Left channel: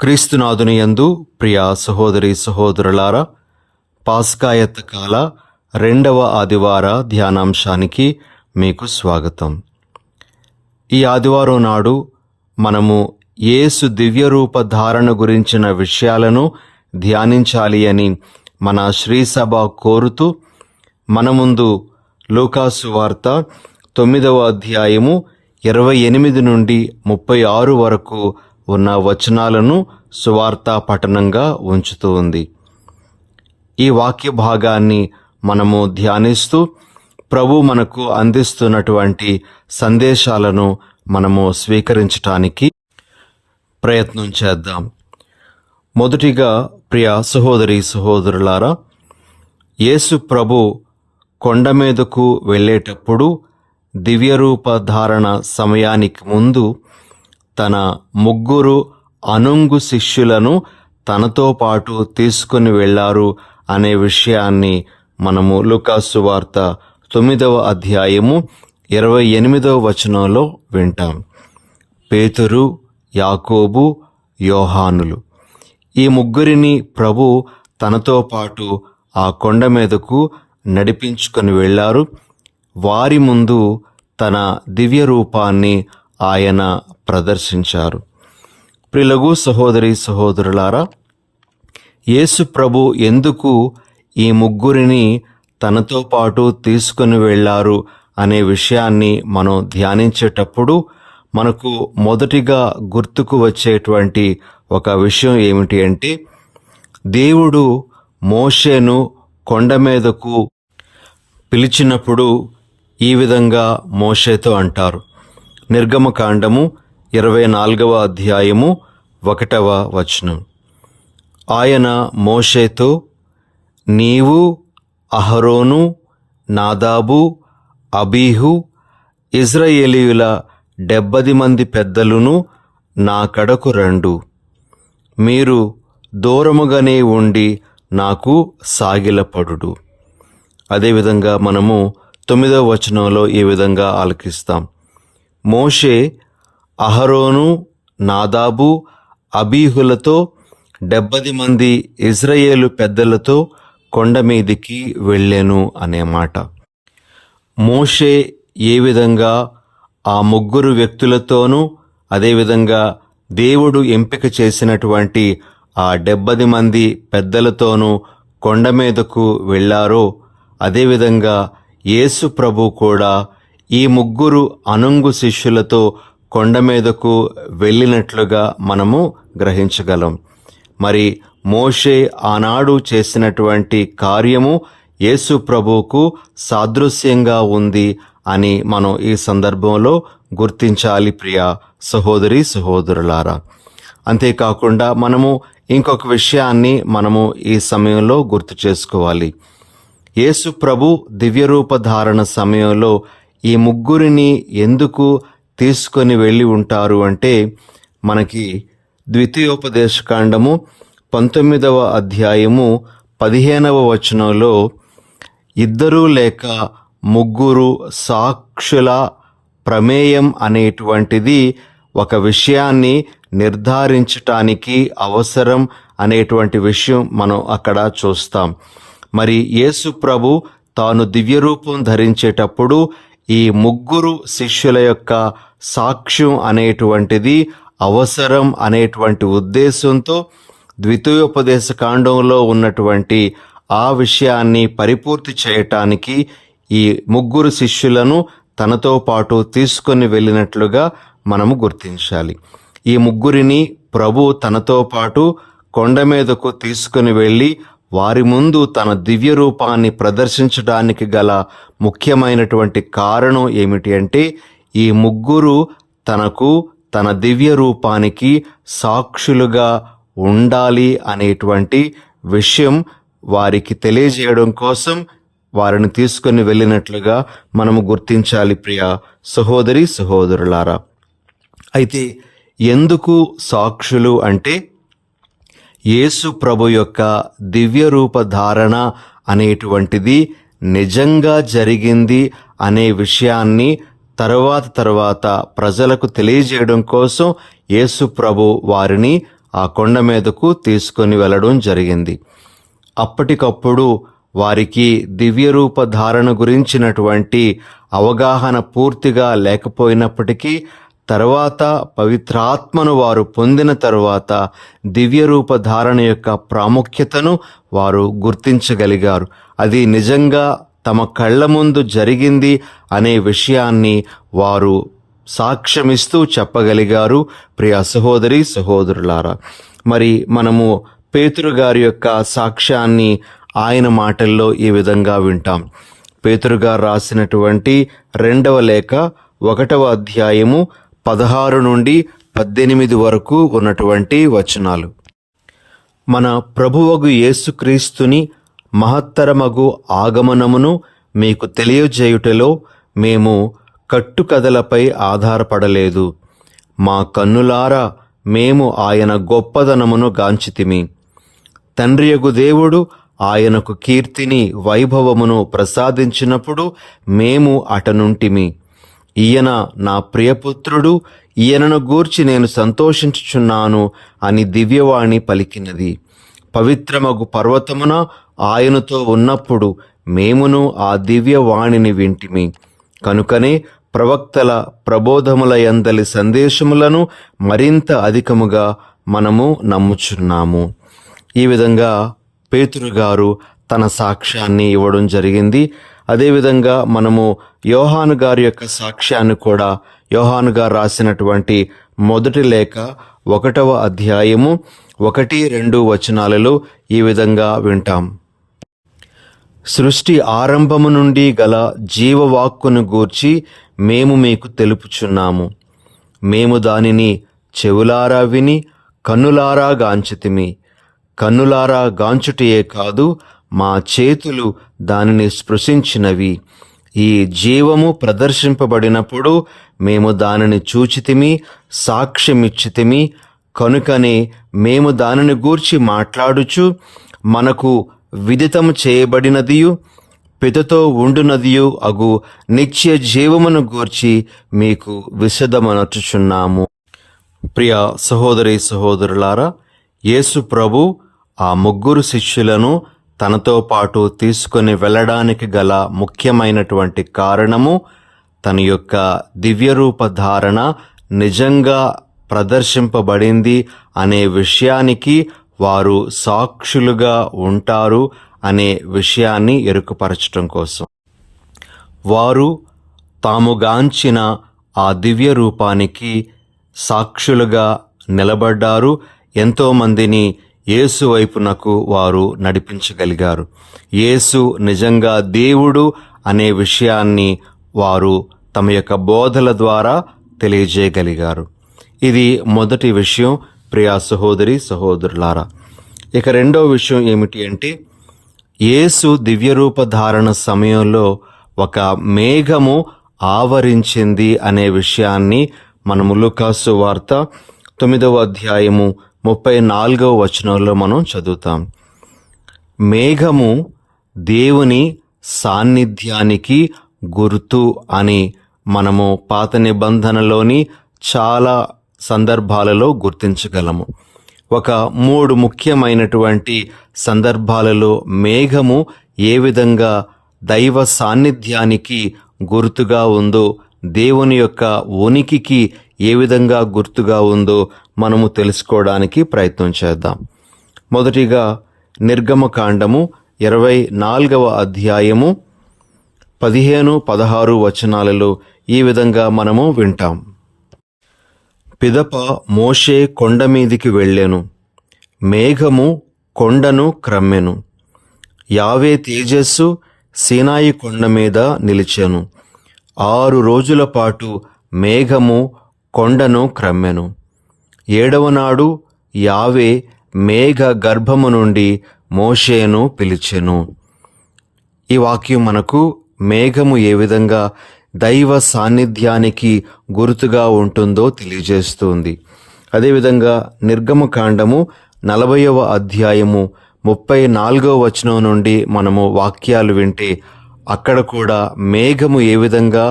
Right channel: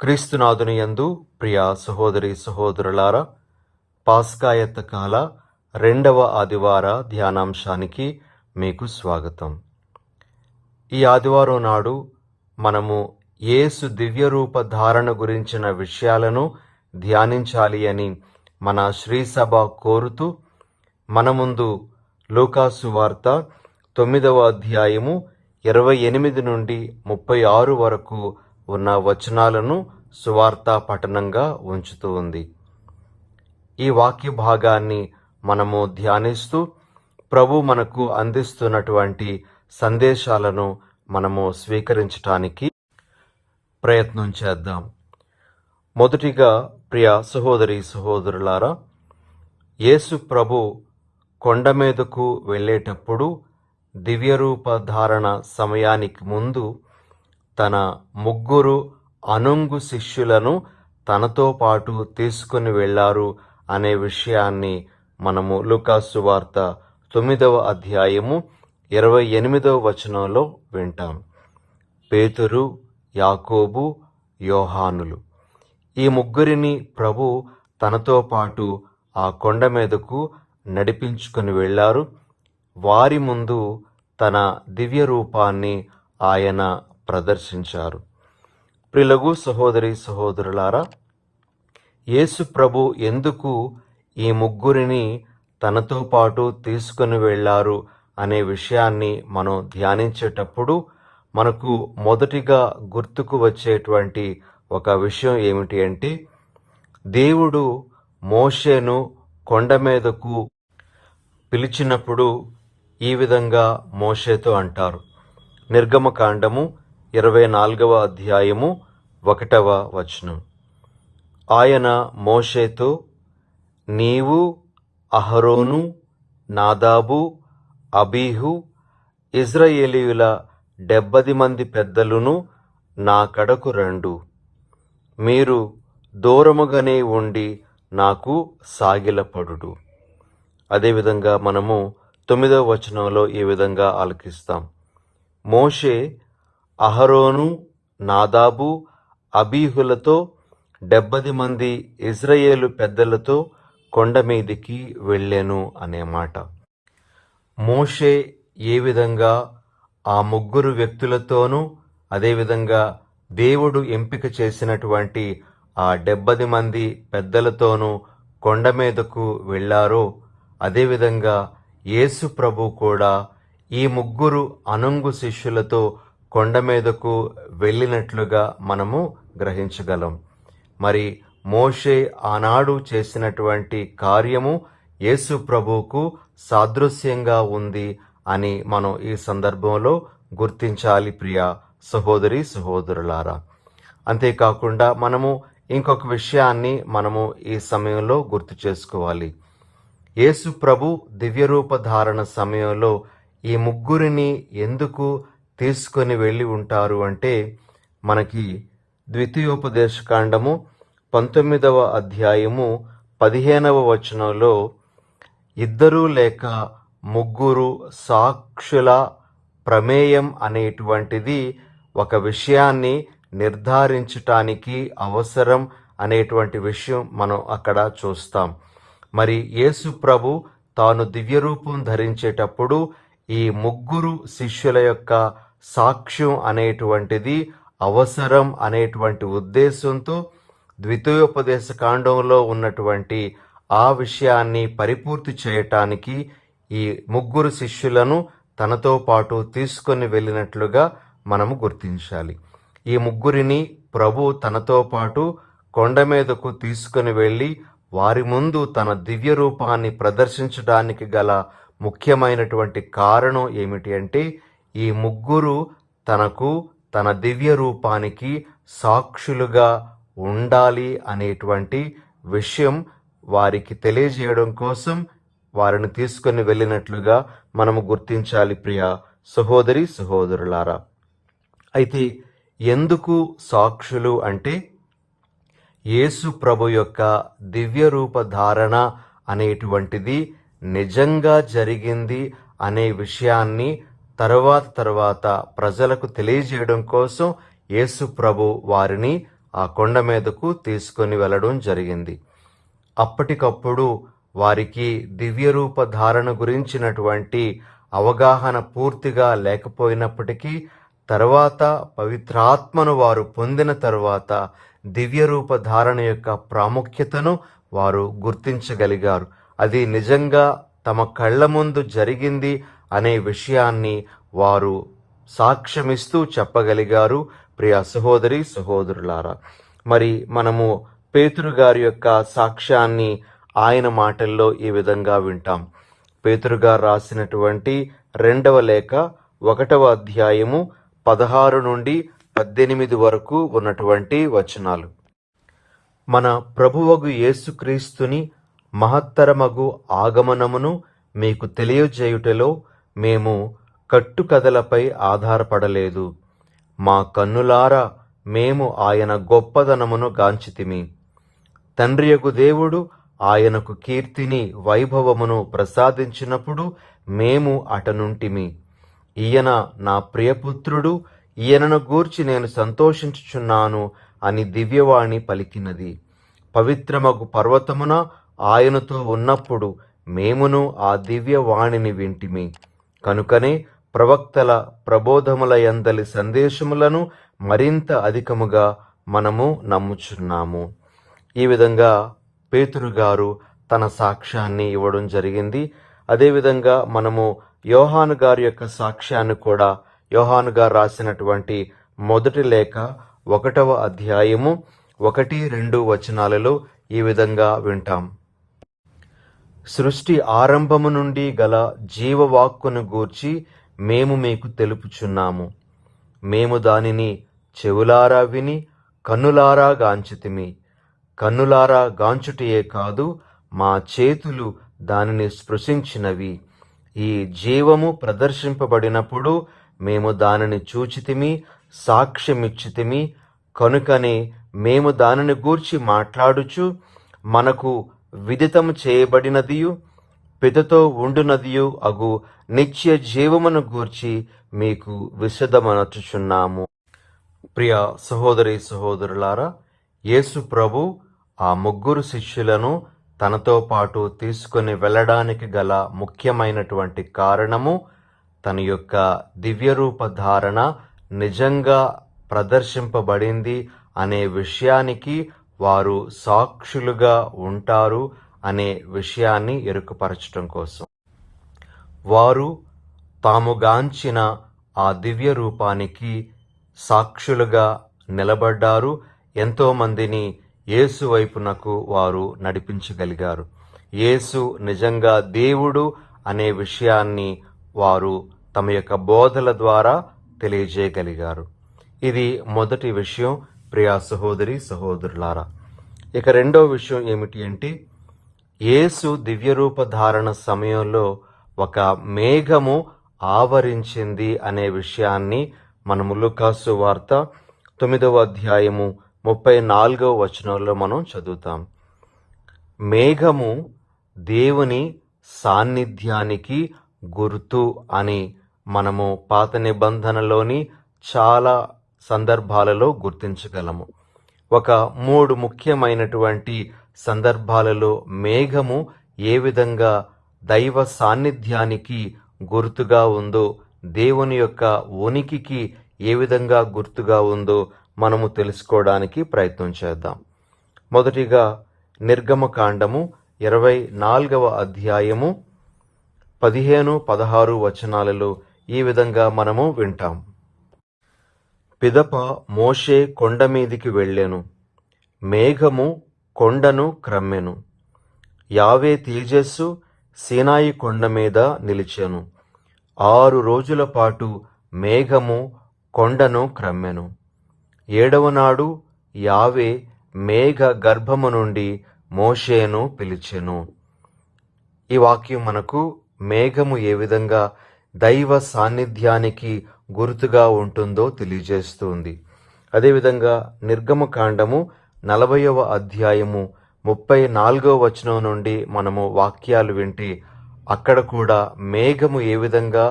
క్రీస్తునాథుని యందు ప్రియ సహోదరి సహోదరులారా, పాస్కాయత్త కాల 2వ ఆదివార ధ్యానాంశానికి మీకు స్వాగతం. ఈ ఆదివారం నాడు మనము యేసు దివ్యరూప ధారణ గురించిన విషయాలను ధ్యానించాలి అని మన శ్రీసభ కోరుతూ మన ముందు లూకాసు వార్త 9వ అధ్యాయము 28 నుండి 36 వరకు ఉన్న వచనాలను సువార్తా పఠనంగా ఉంచుతూ ఉంది. ఈ వాక్య భాగాన్ని మనము ధ్యానిస్తూ ప్రభు మనకు అందిస్తున్నటువంటి సందేశాలను మనము స్వీకరించటానికి ప్రయత్నం చేద్దాం. మొదటిగా ప్రియ సహోదరి సహోదరులారా, యేసు ప్రభు కొండ మీదకు వెళ్ళేటప్పుడు దివ్యరూప ధారణ సమయానికి ముందు తన 3 అనుంగు శిష్యులను తనతో పాటు తీసుకుని వెళ్లారు అనే విషయాన్ని మనము లూకాసు వార్త 9వ అధ్యాయము 28వ వచనంలో వింటాం. పేతురు, యాకోబు, యోహానులు ఈ 3 ప్రభు తనతో పాటు ఆ కొండ మీదకు నడిపించుకొని వెళ్లారు. వారి ముందు తన దివ్య రూపాన్ని ఆయన ప్రదర్శించారు. ప్రియులకు సహోదరి సహోదరులారా, యేసు ప్రభు ఎందుకు ఈ 3 తనతో పాటు తీసుకుని వెళ్లారు అనే విషయాన్ని మనం ధ్యానించేటప్పుడు మనకు మొదటిగా గుర్తుకు వచ్చేటువంటి ఒక విషయం ఏమిటి అంటే, దేవుడు మోషేను కొండ మీదకు పిలిచినప్పుడు ఈ విధంగా మోషేతో అంటారు. నిర్గమకాండము 24వ అధ్యాయము 1వ వచనం. ఆయన మోషేతో, నీవు, అహరోను, నాదాబు, అబీహు, ఇజ్రాయేలీయుల 70 మంది పెద్దలును నా కడకు రండు. మీరు దూరముగానే ఉండి నాకు సాగిలపడుడు. అదేవిధంగా మనము 9వ వచనంలో ఈ విధంగా ఆలకిస్తాం. మోషే అహరోను, నాదాబు, అబీహులతో 70 మంది ఇజ్రాయేలు పెద్దలతో కొండ మీదికి వెళ్ళాను అనే మాట. మోషే ఏ విధంగా ఆ 3 వ్యక్తులతోనూ అదేవిధంగా దేవుడు ఎంపిక చేసినటువంటి ఆ 70 మంది పెద్దలతోనూ కొండ మీదకు వెళ్ళారో, అదేవిధంగా యేసు ప్రభు కూడా ఈ 3 అనుంగు శిష్యులతో కొండ మీదకు వెళ్ళినట్లుగా మనము గ్రహించగలం. మరి మోషే ఆనాడు చేసినటువంటి కార్యము యేసు ప్రభువుకు సాదృశ్యంగా ఉంది అని మనం ఈ సందర్భంలో గుర్తించాలి ప్రియ సహోదరి సహోదరులారా. అంతేకాకుండా మనము ఇంకొక విషయాన్ని మనము ఈ సమయంలో గుర్తు చేసుకోవాలి. యేసు ప్రభు దివ్యరూప ధారణ సమయంలో ఈ 3 ఎందుకు తీసుకొని వెళ్ళి ఉంటారు అంటే, మనకి ద్వితీయోపదేశకాండము 19వ అధ్యాయము 15వ వచనంలో 2 లేక 3 సాక్షుల ప్రమేయం అనేటువంటిది ఒక విషయాన్ని నిర్ధారించటానికి అవసరం అనేటువంటి విషయం మనం అక్కడ చూస్తాం. మరి యేసు ప్రభు తాను దివ్యరూపం ధరించేటప్పుడు ఈ 3 శిష్యుల యొక్క సాక్ష్యం అనేటువంటిది అవసరం అనేటువంటి ఉద్దేశంతో ద్వితీయోపదేశ కాండంలో ఉన్నటువంటి ఆ విషయాన్ని పరిపూర్తి చేయటానికి ఈ 3 శిష్యులను తనతో పాటు తీసుకొని వెళ్ళినట్లుగా మనము గుర్తించాలి. ఈ 3 ప్రభు తనతో పాటు కొండ మీదకు తీసుకుని వెళ్ళి వారి ముందు తన దివ్య రూపాన్ని ప్రదర్శించడానికి గల ముఖ్యమైనటువంటి కారణం ఏమిటి అంటే, ఈ 3 తనకు తన దివ్య రూపానికి సాక్షులుగా ఉండాలి అనేటువంటి విషయం వారికి తెలియజేయడం కోసం వారిని తీసుకుని వెళ్ళినట్లుగా మనము గుర్తించాలి ప్రియ సహోదరి సహోదరులారా. అయితే ఎందుకు సాక్షులు అంటే, యేసు ప్రభు యొక్క దివ్య రూప ధారణ అనేటువంటిది నిజంగా జరిగింది అనే విషయాన్ని తర్వాత ప్రజలకు తెలియజేయడం కోసం యేసు ప్రభు వారిని ఆ కొండ మీదకు తీసుకొని వెళ్ళడం జరిగింది. అప్పటికప్పుడు వారికి దివ్యరూప ధారణ గురించినటువంటి అవగాహన పూర్తిగా లేకపోయినప్పటికీ తర్వాత పవిత్రాత్మను వారు పొందిన తరువాత దివ్యరూప ధారణ యొక్క ప్రాముఖ్యతను వారు గుర్తించగలిగారు. అది నిజంగా తమ కళ్ళ ముందు జరిగింది అనే విషయాన్ని వారు సాక్ష్యమిస్తూ చెప్పగలిగారు. ప్రియ సహోదరి సహోదరులారా, మరి మనము పేతురు గారి యొక్క సాక్ష్యాన్ని ఆయన మాటల్లో ఈ విధంగా వింటాం. పేతురు గారు రాసినటువంటి 2వ లేఖ 1వ అధ్యాయము 16 నుండి 18 వరకు ఉన్నటువంటి వచనాలు. మన ప్రభువగు యేసుక్రీస్తుని మహత్తరమగు ఆగమనమును మీకు తెలియజేయుటలో మేము కట్టుకథలపై ఆధారపడలేదు. మా కన్నులారా మేము ఆయన గొప్పదనమును గాంచితిమి. తండ్రియగు దేవుడు ఆయనకు కీర్తిని వైభవమును ప్రసాదించినప్పుడు మేము అటనుంటిమి. ఈయన నా ప్రియపుత్రుడు, ఈయనను గూర్చి నేను సంతోషించుచున్నాను అని దివ్యవాణి పలికినది. పవిత్రమగు పర్వతమున ఆయనతో ఉన్నప్పుడు మేమును ఆ దివ్యవాణిని వింటిమి. కనుకనే ప్రవక్తల ప్రబోధముల యందలి సందేశములను మరింత అధికముగా మనము నమ్ముచున్నాము. ఈ విధంగా పేతురు గారు తన సాక్ష్యాన్ని ఇవ్వడం జరిగింది. అదేవిధంగా మనము యోహాను గారి యొక్క సాక్ష్యాన్ని కూడా యోహాను గారు రాసినటువంటి 1వ లేఖ 1వ అధ్యాయము 1-2 వచనాలలో ఈ విధంగా వింటాం. సృష్టి ఆరంభము నుండి గల జీవవాక్కును గూర్చి మేము మీకు తెలుపుచున్నాము. మేము దానిని చెవులారా విని కన్నులారా గాంచితిమి. కన్నులారా గాంచుటయే కాదు, మా చేతులు దానిని స్పృశించినవి. ఈ జీవము ప్రదర్శింపబడినప్పుడు మేము దానిని చూచితిమి, సాక్ష్యమిచ్చితిమి. కనుకనే మేము దానిని గూర్చి మాట్లాడుచు మనకు విదితము చేయబడినదియు పితతో ఉండునదియు అగు నిత్య జీవమును గూర్చి మీకు విశదమనర్చుచున్నాము. ప్రియ సహోదరి సహోదరులారా, యేసు ప్రభు ఆ 3 శిష్యులను తనతో పాటు తీసుకొని వెళ్ళడానికి గల ముఖ్యమైనటువంటి కారణము తన యొక్క దివ్యరూప ధారణ నిజంగా ప్రదర్శింపబడింది అనే విషయానికి వారు సాక్షులుగా ఉంటారు అనే విషయాన్ని ఎరుకుపరచడం కోసం. వారు తాముగాంచిన ఆ దివ్య రూపానికి సాక్షులుగా నిలబడ్డారు. ఎంతోమందిని యేసు వైపునకు వారు నడిపించగలిగారు. యేసు నిజంగా దేవుడు అనే విషయాన్ని వారు తమ యొక్క బోధల ద్వారా తెలియజేయగలిగారు. ఇది మొదటి విషయం. ప్రియా సహోదరి సహోదరులారా, ఇక 2వ విషయం ఏమిటి అంటే, యేసు దివ్యరూప ధారణ సమయంలో ఒక మేఘము ఆవరించింది అనే విషయాన్ని మనము లూకాసు వార్త 9వ అధ్యాయము 34వ వచనంలో మనం చదువుతాం. మేఘము దేవుని సాన్నిధ్యానికి గుర్తు అని మనము పాత నిబంధనలోని చాలా సందర్భాలలో గుర్తించగలము. ఒక 3 ముఖ్యమైనటువంటి సందర్భాలలో మేఘము ఏ విధంగా దైవ సాన్నిధ్యానికి గుర్తుగా ఉందో, దేవుని యొక్క ఉనికికి ఏ విధంగా గుర్తుగా ఉందో మనము తెలుసుకోవడానికి ప్రయత్నం చేద్దాం. మొదటిగా నిర్గమకాండము 24వ అధ్యాయము 15-16 వచనాలలో ఈ విధంగా మనము వింటాం. పిదప మోషే కొండ మీదికి వెళ్ళెను. మేఘము కొండను క్రమ్మెను. యావే తేజస్సు సీనాయి కొండ మీద నిలిచెను. 6 రోజుల పాటు మేఘము కొండను క్రమ్మెను. 7వ నాడు యావే మేఘ గర్భము నుండి మోషేను పిలిచెను. ఈ వాక్యం మనకు మేఘము ఏ విధంగా దైవ సాన్నిధ్యానికి గుర్తుగా ఉంటుందో తెలియజేస్తుంది. అదేవిధంగా నిర్గమకాండము 40వ అధ్యాయము 34వ వచనం నుండి మనము వాక్యాలు వింటే అక్కడ కూడా మేఘము ఏ విధంగా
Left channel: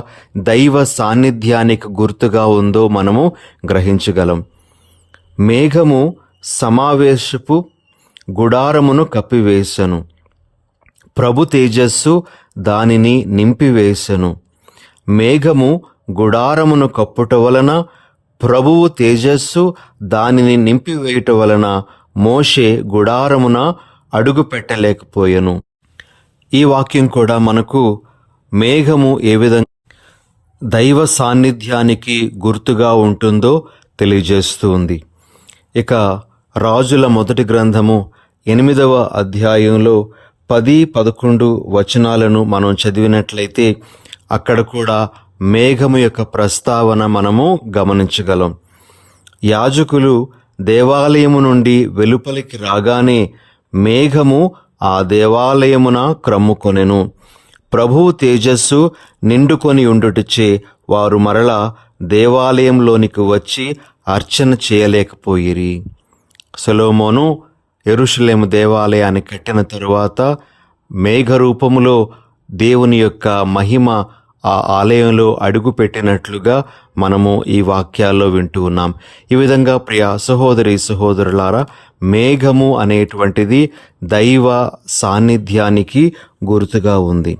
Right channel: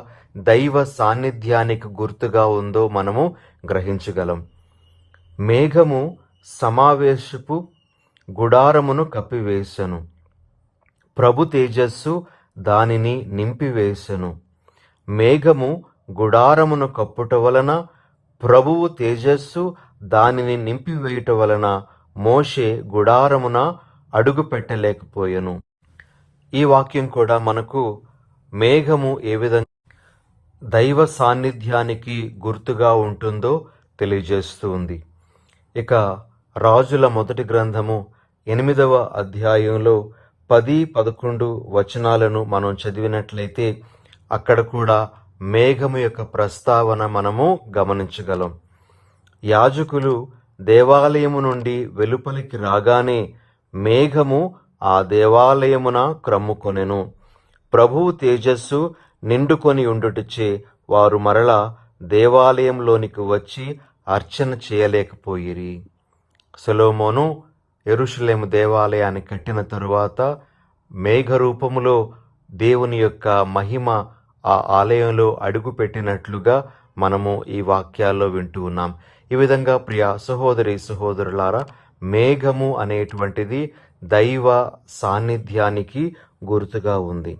దైవ సాన్నిధ్యానికి గుర్తుగా ఉందో మనము గ్రహించగలం. మేఘము సమావేశపు గుడారమును కప్పివేశను. ప్రభు తేజస్సు దానిని నింపివేశను. మేఘము గుడారమును కప్పుట వలన, ప్రభువు తేజస్సు దానిని నింపివేయుట వలన మోషే గుడారమున అడుగు పెట్టలేకపోయెను. ఈ వాక్యం కూడా మనకు మేఘము ఏ విధంగా దైవ సాన్నిధ్యానికి గుర్తుగా ఉంటుందో తెలియజేస్తూ ఉంది. ఇక రాజుల మొదటి గ్రంథము 8వ అధ్యాయంలో 10-11 వచనాలను మనం చదివినట్లయితే అక్కడ కూడా మేఘము యొక్క ప్రస్తావన మనము గమనించగలం. యాజకులు దేవాలయము నుండి వెలుపలికి రాగానే మేఘము ఆ దేవాలయమున క్రమ్ముకొనెను. ప్రభువు తేజస్సు నిండుకొని ఉండుటచే వారు మరలా దేవాలయంలోనికి వచ్చి అర్చన చేయలేకపోయిరి. సొలొమోను యెరూషలేము దేవాలయాన్ని కట్టిన తరువాత మేఘరూపములో దేవుని యొక్క మహిమ ఆ ఆలయంలో అడుగు పెట్టినట్లుగా మనము ఈ వాక్యాల్లో వింటూ ఉన్నాం. ఈ విధంగా ప్రియ సహోదరి సహోదరులారా, మేఘము అనేటువంటిది దైవ సాన్నిధ్యానికి గుర్తుగా ఉంది.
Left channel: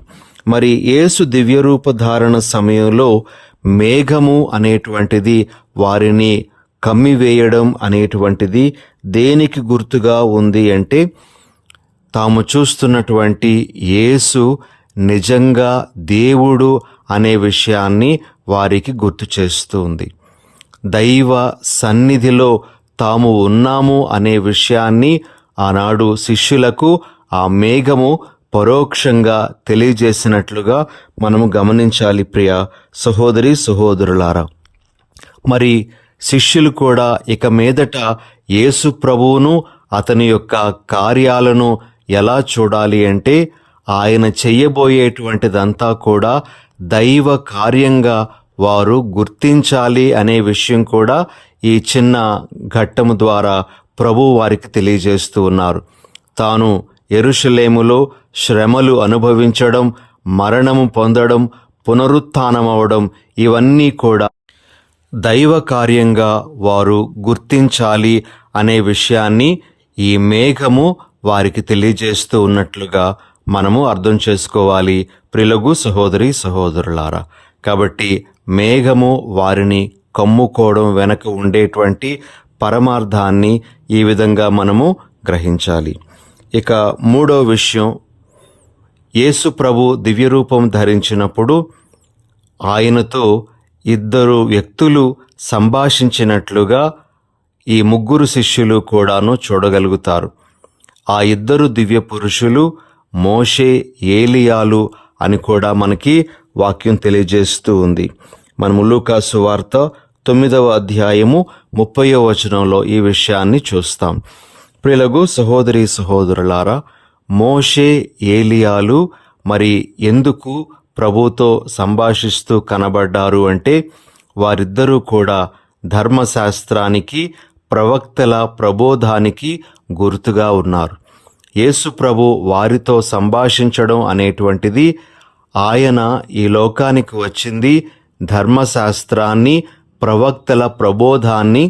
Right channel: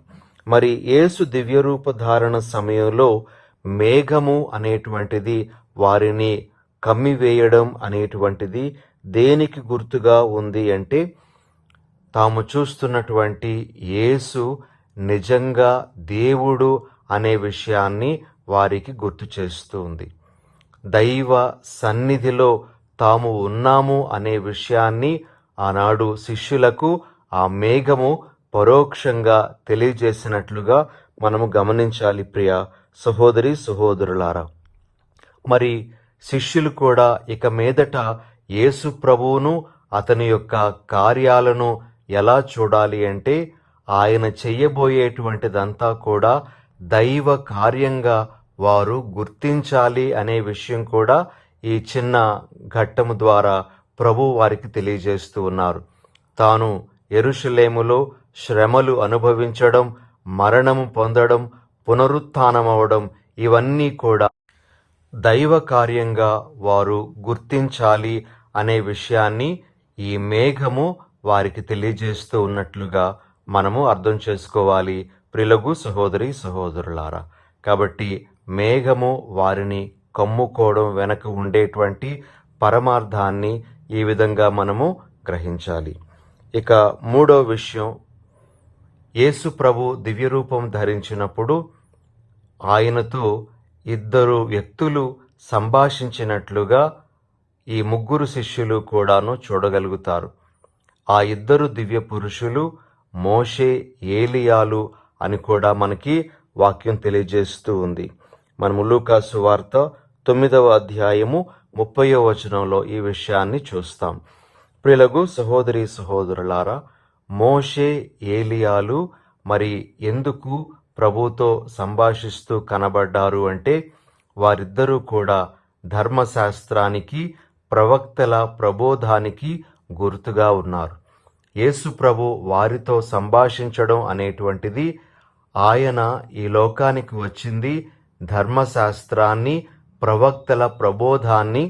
మరి యేసు దివ్యరూప ధారణ సమయంలో మేఘము అనేటువంటిది వారిని కమ్మివేయడం అనేటువంటిది దేనికి గుర్తుగా ఉంది అంటే, తాము చూస్తున్నటువంటి యేసు నిజంగా దేవుడు అనే విషయాన్ని వారికి గుర్తు చేస్తూ ఉంది. దైవ సన్నిధిలో తాము ఉన్నాము అనే విషయాన్ని ఆనాడు శిష్యులకు ఆ మేఘము పరోక్షంగా తెలియజేసినట్లుగా మనము గమనించాలి ప్రియ సహోదరి సహోదరులారా. మరి శిష్యులు కూడా ఇక మీదట యేసు ప్రభువును అతని యొక్క కార్యాలను ఎలా చూడాలి అంటే, ఆయన చెయ్యబోయేటువంటిదంతా కూడా దైవ కార్యంగా వారు గుర్తించాలి అనే విషయం కూడా ఈ చిన్న ఘట్టము ద్వారా ప్రభువు వారికి తెలియజేస్తూ ఉన్నారు. తాను యెరూషలేములో శ్రమలు అనుభవించడం, మరణము పొందడం, పునరుత్థానమవడం, ఇవన్నీ కూడా దైవ కార్యంగా వారు గుర్తించాలి అనే విషయాన్ని ఈ మేఘము వారికి తెలియజేస్తూ ఉన్నట్లుగా మనము అర్థం చేసుకోవాలి ప్రియులకు సహోదరి సహోదరులారా. కాబట్టి మేఘము వారిని కమ్ముకోవడం వెనక ఉండేటువంటి పరమార్థాన్ని ఈ విధంగా మనము గ్రహించాలి. ఇక మూడవ విషయం, యేసు ప్రభు దివ్యరూపం ధరించినప్పుడు ఆయనతో 2 వ్యక్తులు సంభాషించినట్లుగా ఈ 3 శిష్యులు కూడాను చూడగలుగుతారు. ఆ 2 దివ్య పురుషులు మోషే, ఏలియాలు అని కూడా మనకి వాక్యం తెలియజేస్తూ ఉంది. మనము లూకా సువార్త 9వ అధ్యాయము 30వ వచనంలో ఈ విషయాన్ని చూస్తాం. ప్రియులకు సహోదరి సహోదరులారా, మోషే, ఏలియాలు మరి ఎందుకు ప్రభుతో సంభాషిస్తూ కనబడ్డారు అంటే, వారిద్దరూ కూడా ధర్మశాస్త్రానికి, ప్రవక్తల ప్రబోధానికి గుర్తుగా ఉన్నారు. యేసు ప్రభు వారితో సంభాషించడం అనేటువంటిది, ఆయన ఈ లోకానికి వచ్చింది ధర్మశాస్త్రాన్ని, ప్రవక్తల ప్రబోధాన్ని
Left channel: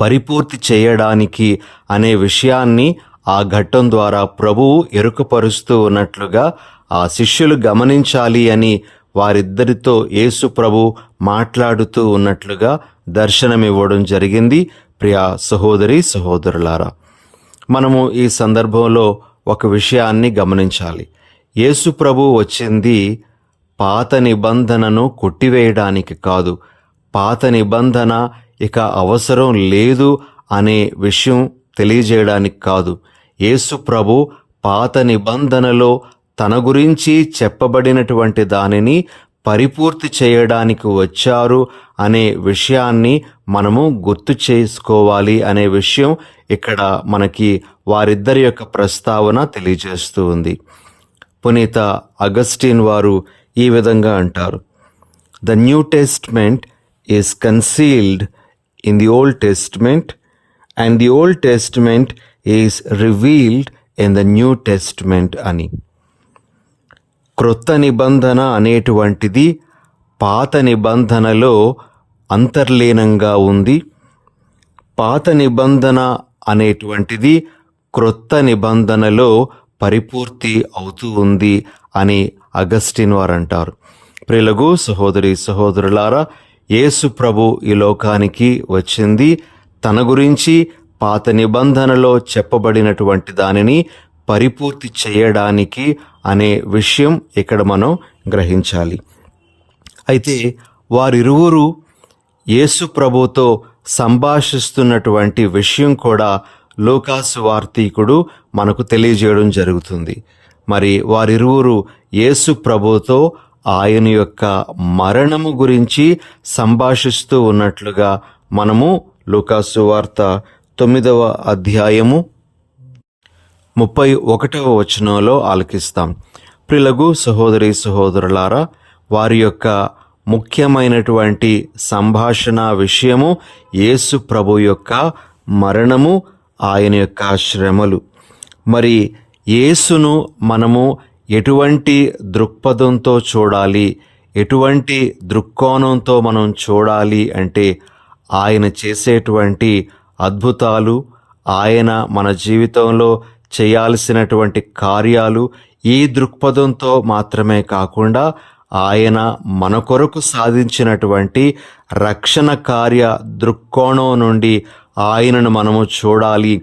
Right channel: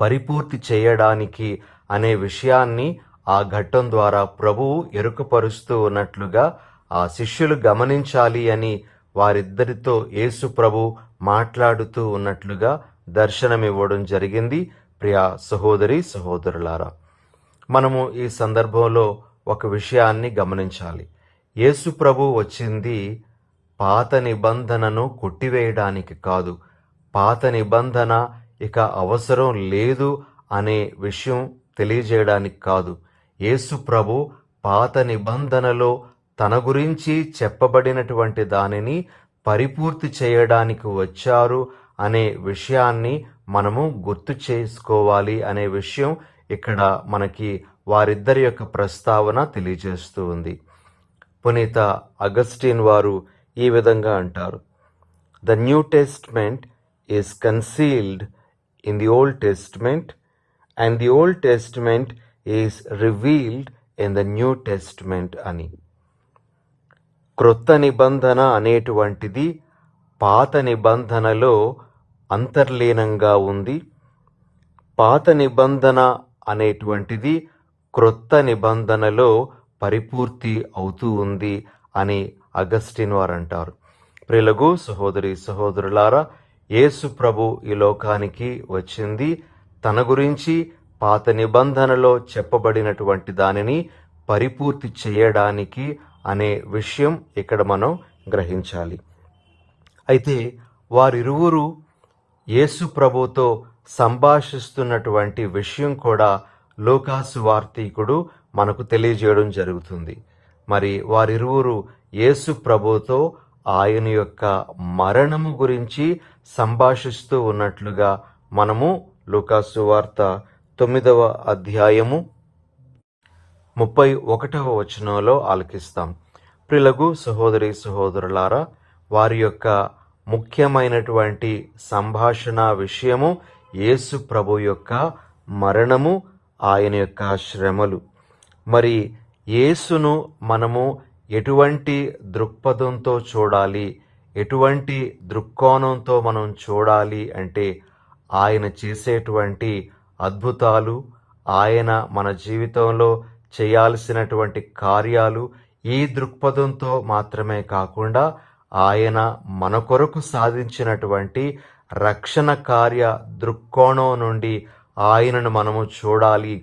పరిపూర్తి చేయడానికి అనే విషయాన్ని ఆ ఘట్టం ద్వారా ప్రభువు ఎరుకపరుస్తూ ఉన్నట్లుగా ఆ శిష్యులు గమనించాలి అని వారిద్దరితో యేసు ప్రభు మాట్లాడుతూ ఉన్నట్లుగా దర్శనమివ్వడం జరిగింది. ప్రియ సహోదరి సహోదరులారా, మనము ఈ సందర్భంలో ఒక విషయాన్ని గమనించాలి. యేసు ప్రభు వచ్చింది పాత నిబంధనను కొట్టివేయడానికి కాదు, పాత నిబంధన ఇక అవసరం లేదు అనే విషయం తెలియజేయడానికి కాదు. యేసు ప్రభు పాత నిబంధనలో తన గురించి చెప్పబడినటువంటి దానిని పరిపూర్తి చేయడానికి వచ్చారు అనే విషయాన్ని మనము గుర్తు చేసుకోవాలి అనే విషయం ఇక్కడ మనకి వారిద్దరి యొక్క ప్రస్తావన తెలియజేస్తూ ఉంది. పునీత అగస్టిన్ వారు ఈ విధంగా అంటారు, the new testament is concealed in the old testament and the old testament is revealed in the new testament అని. క్రొత్త నిబంధన అనేటువంటిది పాత నిబంధనలో అంతర్లీనంగా ఉంది. పాత నిబంధన అనేటువంటిది క్రొత్త నిబంధనలో పరిపూర్తి అవుతూ ఉంది అని అగస్టిన్ వారు అంటారు. ప్రియులకు సహోదరి సహోదరులారా, యేసు ప్రభు ఈ లోకానికి వచ్చింది తన గురించి పాత నిబంధనలో చెప్పబడినటువంటి దానిని పరిపూర్తి చేయడానికి అనే విషయం ఇక్కడ మనం గ్రహించాలి. అయితే వారిరువురు యేసు ప్రభుతో సంభాషిస్తున్నటువంటి విషయం కూడా లూకాసు వార్తీకుడు మనకు తెలియజేయడం జరుగుతుంది. మరి వారిరువురు యేసు ప్రభుతో ఆయన యొక్క మరణము గురించి సంభాషిస్తూ ఉన్నట్లుగా మనము లూకాసు వార్త 9వ అధ్యాయము 31వ వచనంలో ఆలకిస్తాం. ప్రియులకు సహోదరి సహోదరులారా, వారి యొక్క ముఖ్యమైనటువంటి సంభాషణ విషయము యేసు ప్రభు యొక్క మరణము, ఆయన యొక్క శ్రమలు. మరి యేసును మనము ఎటువంటి దృక్పథంతో చూడాలి, ఎటువంటి దృక్కోణంతో మనం చూడాలి అంటే ఆయన చేసేటువంటి అద్భుతాలు, ఆయన మన జీవితంలో చేయాల్సినటువంటి కార్యాలు ఈ దృక్పథంతో మాత్రమే కాకుండా ఆయన మన కొరకు సాధించినటువంటి రక్షణ కార్య దృక్కోణం నుండి ఆయనను మనము చూడాలి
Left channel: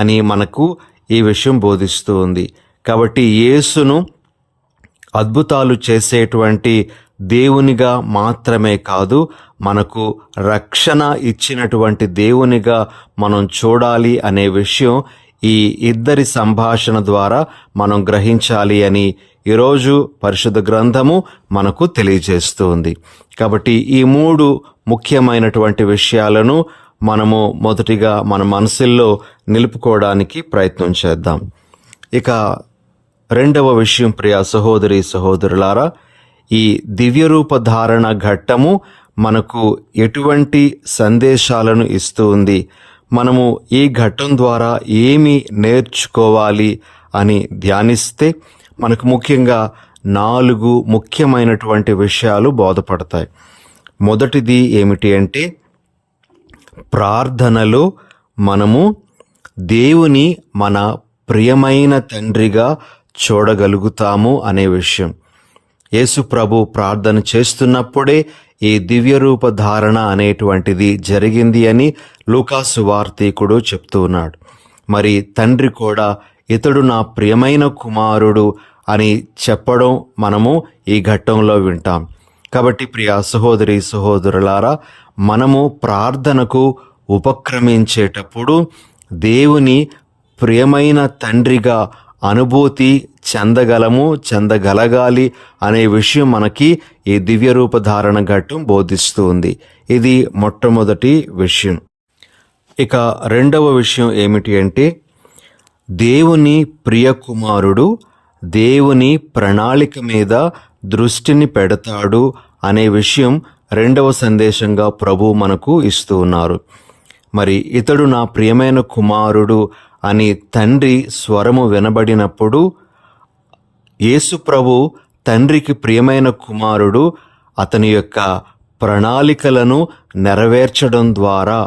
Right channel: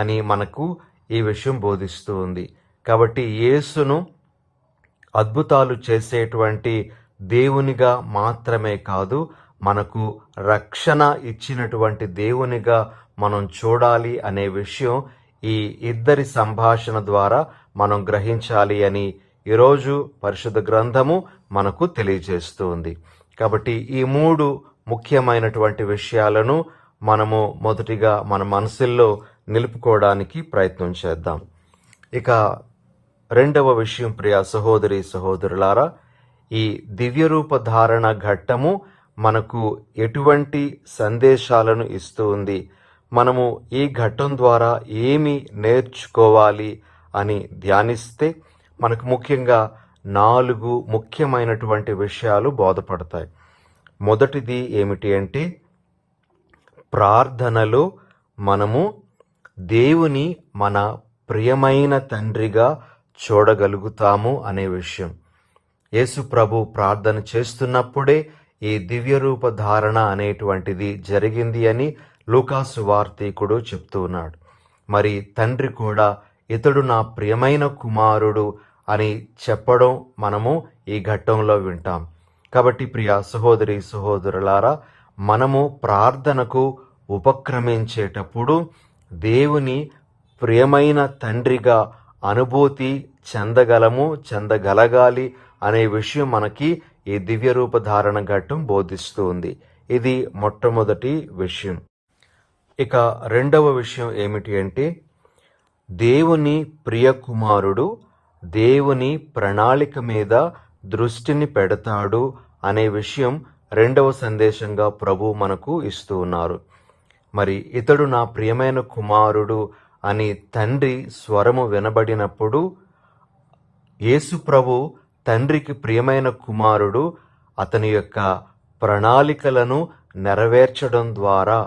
అని మనకు ఈ విషయం బోధిస్తూ ఉంది. కాబట్టి యేసును అద్భుతాలు చేసేటువంటి దేవునిగా మాత్రమే కాదు, మనకు రక్షణ ఇచ్చినటువంటి దేవునిగా మనం చూడాలి అనే విషయం ఈ ఇద్దరి సంభాషణ ద్వారా మనం గ్రహించాలి అని ఈరోజు పరిశుద్ధ గ్రంథము మనకు తెలియజేస్తుంది. కాబట్టి ఈ 3 ముఖ్యమైనటువంటి విషయాలను మనము మొదటిగా మన మనసుల్లో నిలుపుకోవడానికి ప్రయత్నం చేద్దాం. ఇక రెండవ విషయం, ప్రియ సహోదరి సహోదరులారా, ఈ దివ్యరూప ధారణ ఘట్టము మనకు ఎటువంటి సందేశాలను ఇస్తూ ఉంది, మనము ఈ ఘట్టం ద్వారా ఏమి నేర్చుకోవాలి అని ధ్యానిస్తే మనకు ముఖ్యంగా 4 ముఖ్యమైనటువంటి విషయాలు బోధపడతాయి. మొదటిది ఏమిటి అంటే, ప్రార్థనలో మనము దేవుని మన ప్రియమైన తండ్రిగా చూడగలుగుతాము అనే విషయం. యేసు ప్రభు ప్రార్థన చేస్తున్నప్పుడే ఈ దివ్యరూప ధారణ అనేటువంటిది జరిగింది అని లూకాసు వార్తీకుడు చెప్తూ ఉన్నాడు. మరి తండ్రి కూడా ఇతడు నా ప్రియమైన కుమారుడు అని చెప్పడం మనము ఈ ఘట్టంలో వింటాం. కాబట్టి ప్రియ సహోదరి సహోదరులారా, మనము ప్రార్థనకు ఉపక్రమించేటప్పుడు దేవుని ప్రియమైన తండ్రిగా అనుభూతి చెందగలగాలి అనే విషయం మనకి ఈ దివ్యరూప ధారణ ఘట్టం బోధిస్తూ ఉంది. ఇది మొట్టమొదటి విషయం. ఇక రెండవ విషయం ఏమిటి అంటే, దేవుని ప్రియ కుమారుడు దేవుని ప్రణాళిక మీద దృష్టిని పెడతాడు అనే విషయం రెండవ సందేశంగా ప్రభు మనకు ఇస్తూ ఉన్నారు. మరి ఇతడు నా ప్రియమైన కుమారుడు అని తండ్రి స్వరము వినబడినప్పుడు యేసు ప్రభు తండ్రికి ప్రియమైన కుమారుడు అతని యొక్క ప్రణాళికలను నెరవేర్చడం ద్వారా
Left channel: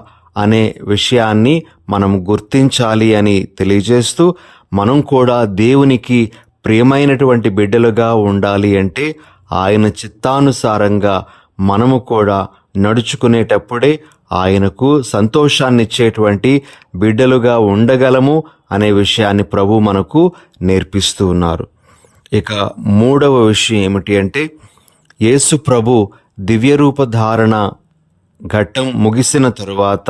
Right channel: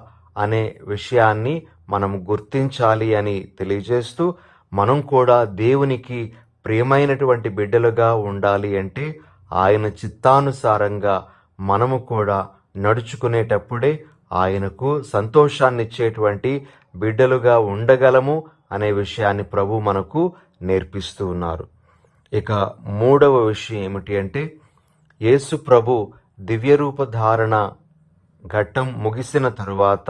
అనే విషయాన్ని మనం గుర్తించాలి అని తెలియజేస్తూ, మనం కూడా దేవునికి ప్రియమైనటువంటి బిడ్డలుగా ఉండాలి అంటే ఆయన చిత్తానుసారంగా మనము కూడా నడుచుకునేటప్పుడే ఆయనకు సంతోషాన్నిచ్చేటువంటి బిడ్డలుగా ఉండగలము అనే విషయాన్ని ప్రభు మనకు నేర్పిస్తూ ఉన్నారు. ఇక మూడవ విషయం ఏమిటి అంటే, యేసు ప్రభు దివ్యరూప ధారణ ఘట్టం ముగిసిన తరువాత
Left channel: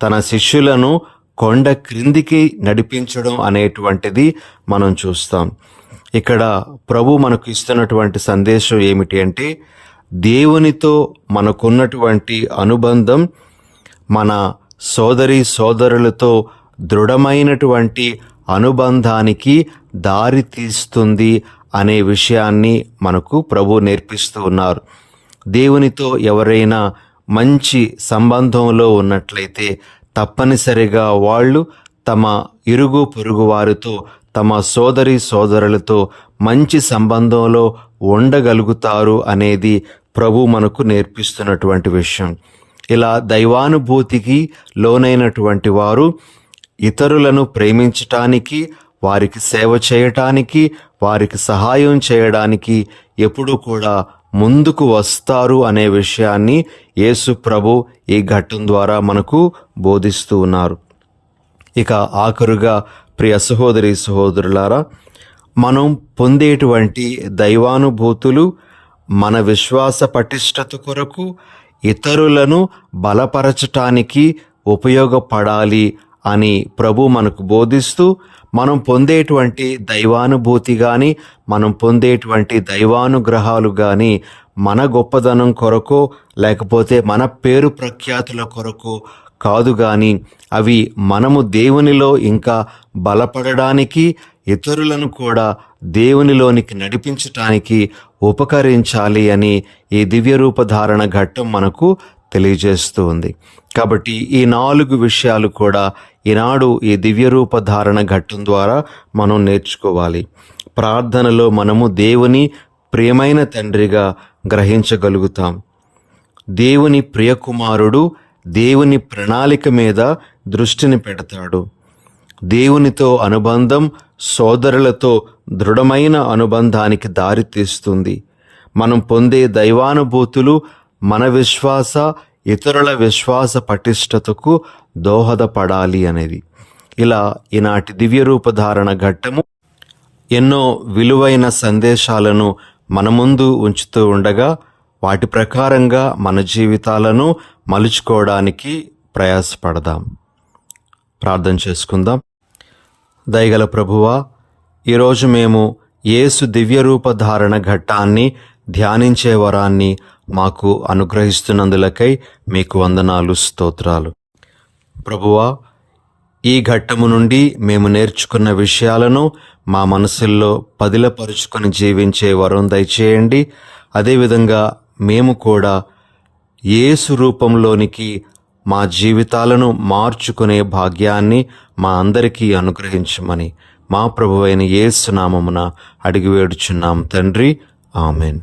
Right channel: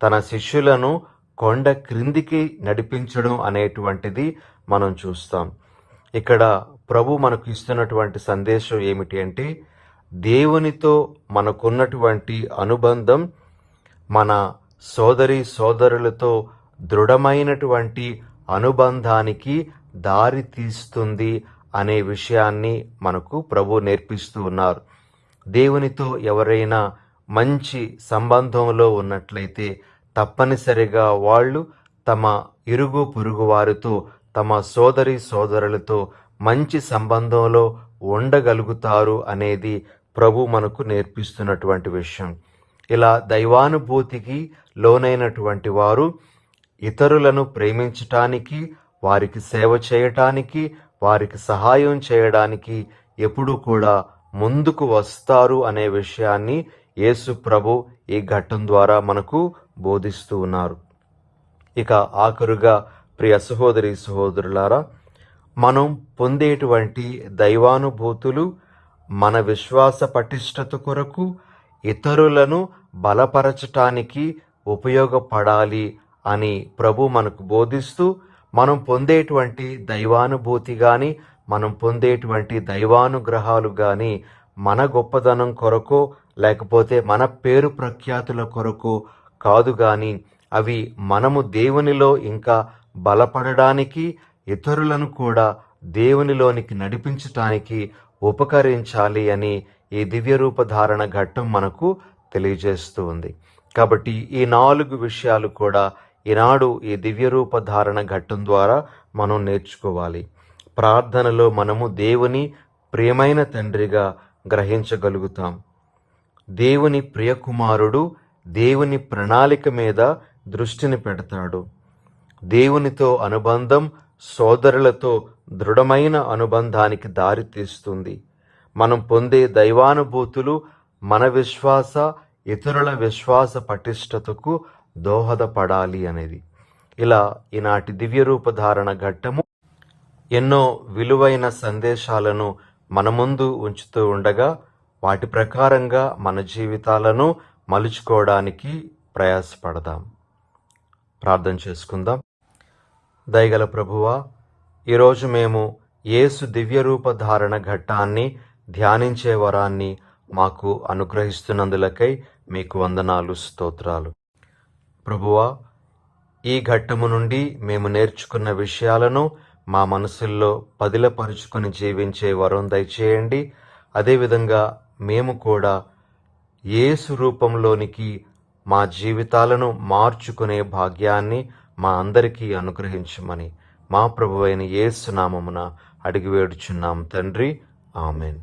తన శిష్యులను కొండ క్రిందికి నడిపించడం అనేటువంటిది మనం చూస్తాం. ఇక్కడ ప్రభు మనకు ఇస్తున్నటువంటి సందేశం ఏమిటి అంటే, దేవునితో మనకున్నటువంటి అనుబంధం మన సోదరి సోదరులతో దృఢమైనటువంటి అనుబంధానికి దారి తీస్తుంది అనే విషయాన్ని మనకు ప్రభు నేర్పిస్తూ ఉన్నారు. దేవునితో ఎవరైనా మంచి సంబంధంలో ఉన్నట్లయితే తప్పనిసరిగా వాళ్ళు తమ ఇరుగు పొరుగు వారితో, తమ సోదరి సోదరులతో మంచి సంబంధంలో ఉండగలుగుతారు అనేది ప్రభు మనకు నేర్పిస్తున్నటువంటి విషయం. ఇలా దైవానుభూతికి లోనైనటువంటి వారు ఇతరులను ప్రేమించటానికి, వారికి సేవ చేయటానికి, వారికి సహాయం చేయడానికి ఎప్పుడూ కూడా ముందుకు వస్తారు అనే విషయాన్ని యేసు ప్రభు ఈ ఘట్టం ద్వారా మనకు బోధిస్తూ ఉన్నారు. ఇక ఆఖరుగా ప్రియ సహోదరి సహోదరులారా, మనం పొందేటువంటి దైవానుభూతులు మన విశ్వాస పటిష్టత కొరకు, ఇతరులను బలపరచటానికి ఉపయోగపడాలి అని ప్రభు మనకు బోధిస్తూ, మనం పొందేటువంటి దైవానుభూతి కానీ, మనం పొందేటువంటి దైవానుగ్రహాలు కానీ మన గొప్పదనం కొరకో లేకపోతే మన పేరు ప్రఖ్యాతుల కొరకో కాదు, కానీ అవి మనము దేవునిలో ఇంకా బలపడడానికి, ఇతరులను కూడా దేవునిలోనికి నడిపించటానికి ఉపకరించాలి అని ఈ దివ్యరూపధారణ ఘట్టం మనకు తెలియజేస్తూ ఉంది. కాబట్టి ఈ 4 విషయాలు కూడా ఈనాడు ఈ దివ్యరూపధారణ ఘట్టం ద్వారా మనం నేర్చుకోవాలి. ప్రార్థనలో మనము దేవుని ప్రియమైన తండ్రిగా గ్రహించగలుగుతాం. దేవుని ప్రియకుమారుడు దేవుని ప్రణాళిక మీద దృష్టిని పెడతాడు. దేవునితో అనుబంధం సోదరులతో దృఢమైన అనుబంధానికి దారితీస్తుంది. మనం పొందే దైవానుభూతులు మన విశ్వాస, ఇతరుల విశ్వాస పటిష్టతకు దోహదపడాలి అనేది. ఇలా ఈనాటి దివ్యరూపధారణ ఘట్టము ఎన్నో విలువైన సందేశాలను మన ముందు ఉంచుతూ ఉండగా, వాటి ప్రకారంగా మన జీవితాలను మలుచుకోవడానికి ప్రయాసపడదాం. ప్రార్థన చేసుకుందాం. దయగల ప్రభువా, ఈరోజు మేము యేసు దివ్యరూపధారణ ఘట్టాన్ని ధ్యానించే వరాన్ని మాకు అనుగ్రహిస్తున్నందులకై మీకు వందనాలు, స్తోత్రాలు. ప్రభువా, ఈ ఘట్టము నుండి మేము నేర్చుకున్న విషయాలను మా మనసుల్లో పదిలపరుచుకొని జీవించే వరం దయచేయండి. అదేవిధంగా మేము కూడా యేసు రూపంలోనికి మా జీవితాలను మార్చుకునే భాగ్యాన్ని మా అందరికీ అనుగ్రహించమని మా ప్రభువైన యేసు నామమున అడిగి వేడుచున్నాం తండ్రి. ఆమెన్.